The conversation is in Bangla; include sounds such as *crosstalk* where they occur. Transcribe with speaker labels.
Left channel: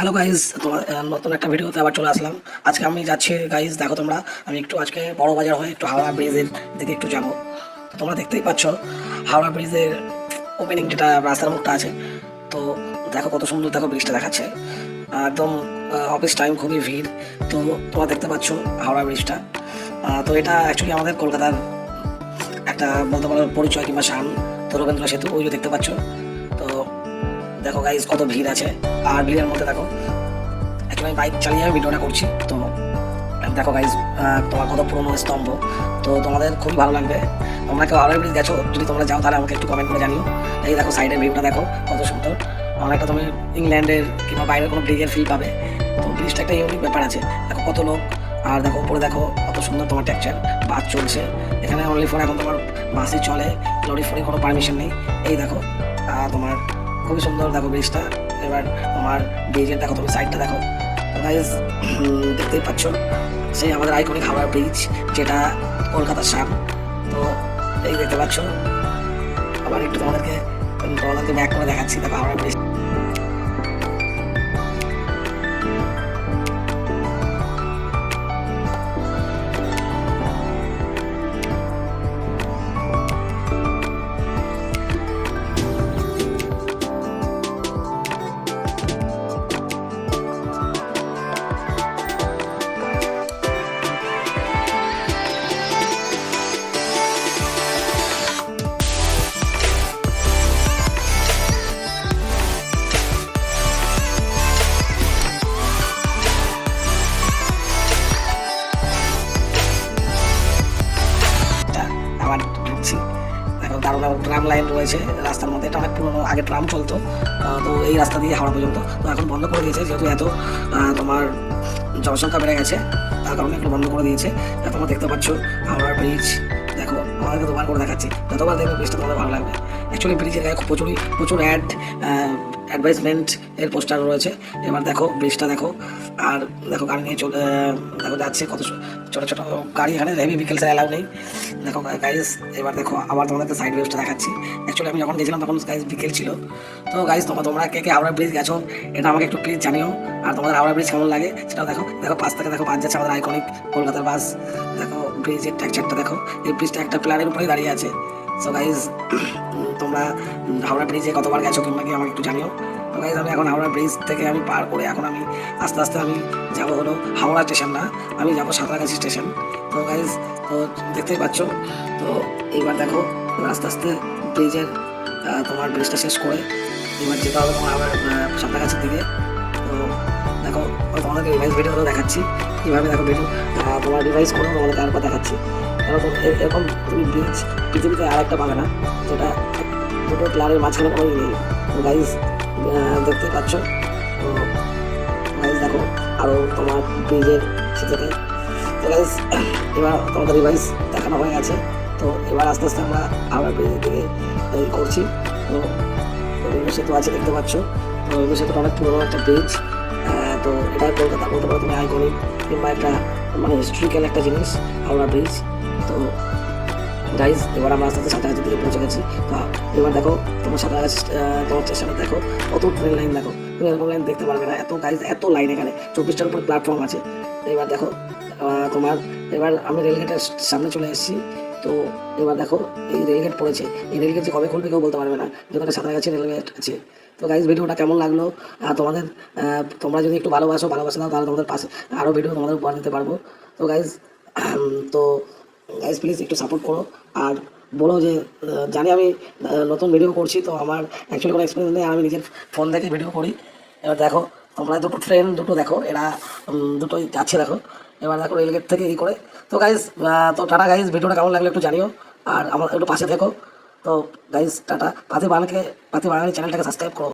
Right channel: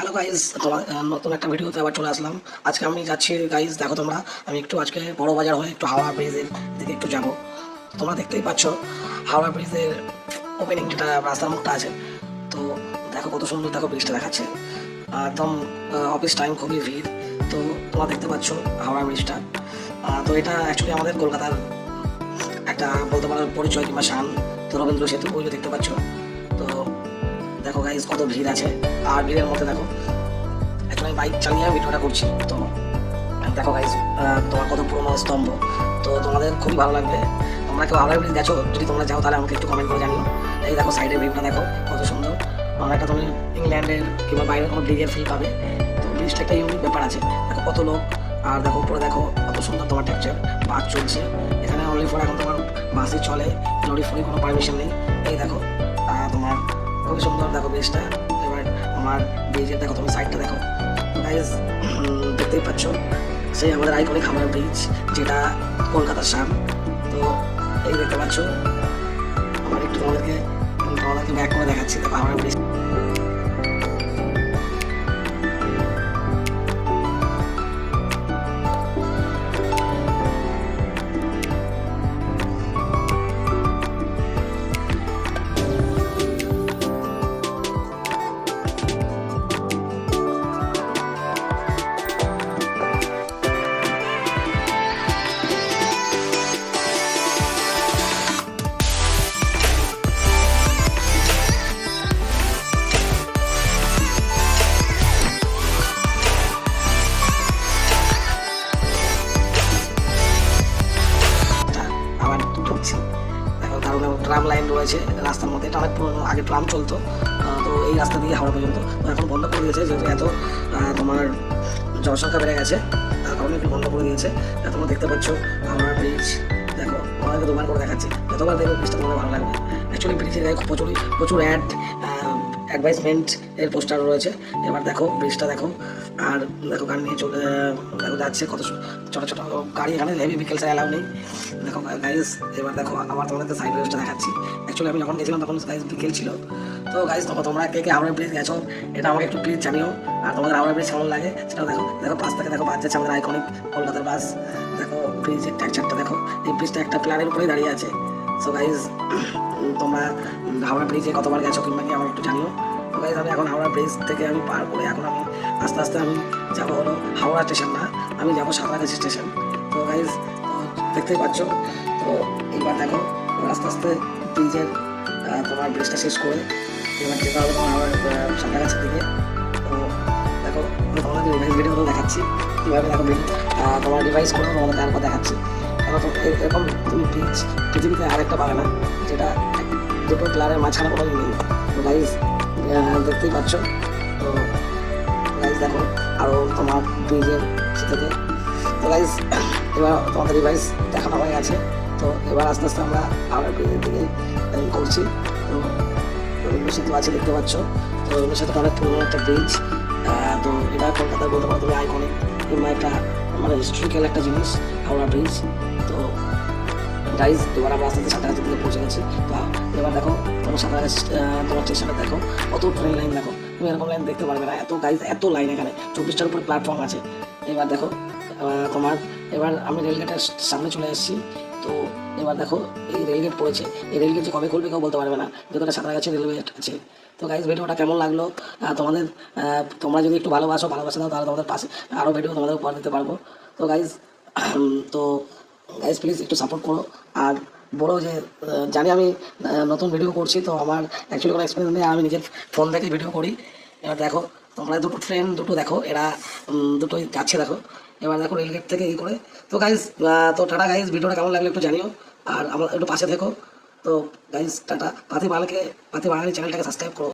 Speaker 1: হ্যালো গাইজ তোমার নতুন একটা ভিডিওতে আবার চলে আসলাম। আজকে আমি যাচ্ছি গাইজ দেখো তোমরা। আমি একটু আজকে বড় বাজার হয়ে একটু হাওড়া ব্রিজের দিকে একটু যাব। তোমরা দেখতেই পাচ্ছ, হাওড়া ব্রিজের ওপেনিং যেটা, রাস্তার মুখটা আছে। তো দেখো কত সুন্দর দেখো ব্রিজটা দেখাচ্ছে। একদম অফিস টাইম খুবই ভিড়। তো তোমরা দেখতে পাচ্ছ হাওড়া ব্রিজটা তো এটা অ্যাকচুয়ালি আমাদের কলকাতার একটা বলতে পারো পরিচয় কিংবা শান। তো রবীন্দ্র সেতু, ওই দেখতে পাচ্ছ। দেখো গাইজ কত ভিড় আছে। আর ভিড়ের মধ্যে দেখো এখন আমি বাইক চালিয়ে আমি ভিডিওটা করছি। তো দেখো গাইজ তোমার কত পুরোনো স্তম্ভ। তো তোমাদের খুবই ভালো লাগবে। তোমরা কেউ হাওড়া ব্রিজ গেছো, যদি তোমরা যাও তাহলে আমাকে একটু কমেন্ট করে জানিও। এই দেখো সাইডের ভিউটা দেখো, কত সুন্দর। আমার একটা তুমি ইংল্যান্ডের কিংবা বাইরের কোনো ব্রিজের ফিল পাবে। তো ব্রিজটা একটা ইউনিক ব্যাপার আছে। দেখো কত লোক, আর দেখো উপরে দেখো কত সুন্দর তোমার টেক্সচার বাস চলছে। এখানে অনলি ফোর এখন তোমার বাসে চলে। লরি ফরি কোনো পারমিশন নেই। এই দেখো তোমার খুবই সুন্দর দেখো ব্রিজটা। এবার আমার ব্রিজের দেখো তুমি সাইডটা দেখো। গাইজ দেখতেই পাচ্ছ সেই আমাদের আইকনিক হাওড়া ব্রিজ যেটা কলকাতার সাম। তো, এই দেখতে পাচ্ছ, আবার একটু তোমাদেরকে তোমাদেরকে ব্যাক করে দেখাচ্ছি, দেখো হাওড়া ব্রিজ ট্রাম লাইন রয়েছে রাস্তার মধ্যে, এটা অনেক পুরোনো, আগে ট্রাম চলতো। তো এই রাস্তা দিয়ে হাওড়া পর্যন্ত। তো এখন বন্ধ করে দিয়েছে, যেহেতু এত তোমার জনসংখ্যা বেড়ে গেছে, তার কারণে একটু বন্ধ করে দিয়েছে। তোমরা দেখতে পাচ্ছ, হাওড়া ব্রিজ দেখো আমাকে দুবার করে দেখাচ্ছি। যতবার দেখবে ব্রিজটা তোমাদের ভালো লাগবে। অ্যাকচুয়ালি ব্রিজের গায়ে প্রচুরই, প্রচুর অ্যাড অ্যাডভাইসমেন্ট এর পোস্টার রয়েছে। এবার দেখো ব্রিজটা দেখো। আর দেখো গাড়ি নিয়ে চলে, দেখো যাচ্ছে কত ছোটো ছোটো গাড়ি এখানে হেভি ভেহিকেলস অ্যালাউ নেই। দেখো গাইজ এবার দেখো, আবার তোমাদেরকে সাইড রোডটা দেখাচ্ছি। অ্যাকচুয়ালি আমি যখন গেছিলাম তখন গাইজ বিকেল ছিল। তো গাইজ তোমরা তোমরা কে কে হাওড়া ব্রিজ গেছো, এটা আমাকে একটু প্লিজ জানিও। আর তোমাদের হাওড়া ব্রিজ কেমন লাগে, সেটাও দেখো। দেখো পাশ থেকে দেখো বাস যাচ্ছে আমাদের আইকনিক কলকাতার বাস দেখো ব্রিজের টেক্সচারটা দেখো। এই ব্রিজটা একটা প্ল্যানের উপরেই দাঁড়িয়ে আছে। সো গাইজ তোমরা হাওড়া ব্রিজে কতবার গেছো কিংবা কি আমাকে একটু জানিও। গাইজ আমি এখন হাওড়া ব্রিজ থেকে আমি পার করে এখন আমি আস্তে আস্তে আমি যাব হলো হাওড়া স্টেশন না আমি যাব সাঁতরাগাছি স্টেশন তো গাইজ তো দেখতেই পাচ্ছ, তো এবার দেখো আস্তে আস্তে ব্রিজের তোমার ব্রিজটা শেষ করে এবার যেতে হবে তোমার আমার সাঁতরাগাছির দিকে। তো দেখো তোমাদেরকে রিভাইস ভিডিওগুলো দেখাচ্ছি। কীভাবে দেখো ভিডিও তোমার রিভাইস করে, তোমাদের তারপর দেখাচ্ছি। এরকম তুমি ব্রিজ পৃথিবীতে আর একটা বাগানা যেটা দুটো প্লারের মাঝখানে কোনো ই নেই। গাইজ দেখতেই পাচ্ছ। আরও তোমার ব্রিজের তো গাইজ এবার তোমাদের রিভাইস দেখানো হয়ে গেছে। তো, এবার আস্তে আস্তে আমরা আবার ব্রিজের দিকে করছি তো সেতু আছে, দেখতে পাচ্ছ। তো, রবীন্দ্র সেতু অনেক পুরোনো একটা ব্রিজ তো, এটা কলকাতা বলতে পারো তুমি আইকনিক কিংবা একটা মানে হিস্ট্রিক্যাল একটা জিনিস, হাওড়া ব্রিজ তো গাইজ এবার আমরা আস্তে আস্তে সাঁতারাগাছি থেকে পৌঁছে গেছি। তো এবার দেখো, তোমার সাঁতারাগাছি তোমার স্টেশনে দেখো, কত ট্রেন লাইন দেখো। তুমি এরকম লাইন দেখতে পারবে না, এত গাইজ এত লাইন এখানে। চব্বিশটার উপরে প্ল্যাটফর্ম আছে। এবার দেখো তোমার, এবার আমি রেলগেটের সামনে চলে এসেছি তো এবার দেখো, এই রেলগেট পড়েছে। এই রেলগেট যে কবে খুলবে কেউ বলতে পারবে না। যে কোনো যেখানে সাঁতারাগাছি রেলগেট আছে। তো গাইজ ভিডিওটা কেমন লাগল? তোমাদের তোমরা যদি একটু ভালোবাসো, ভালোবাসে দাও, তাহলে তোমাদের পাশে আরও ভিডিও তোমাদের উপহার দিতে পারব। তো গাইজ *clears throat* তো গাইজ প্লিজ একটু সাপোর্ট করো। আর বলো যে জানি আমি নতুন ভিডিও করছি, তো আমার অ্যাকচুয়ালি কোনো এক্সপিরিয়েন্স নেই আমি নিজের ফোন দেখে ভিডিও করি। এবার দেখো, তোমরা দুটো ট্রেন দুটো দেখো, এরা দুটোই যাচ্ছে দেখো। এবার দেখো রেলগেট থেকে এই করে। তো গাইজ তো টাটা গাইজ ভিডিওটা কেমন লাগল একটু জানিও। আর আমার একটু পাশে থেকো। তো গাইজ টাটা। পাতি বাঙালিকে, পাতি বাঙালি চ্যানেলটাকে সাবস্ক্রাইব করো।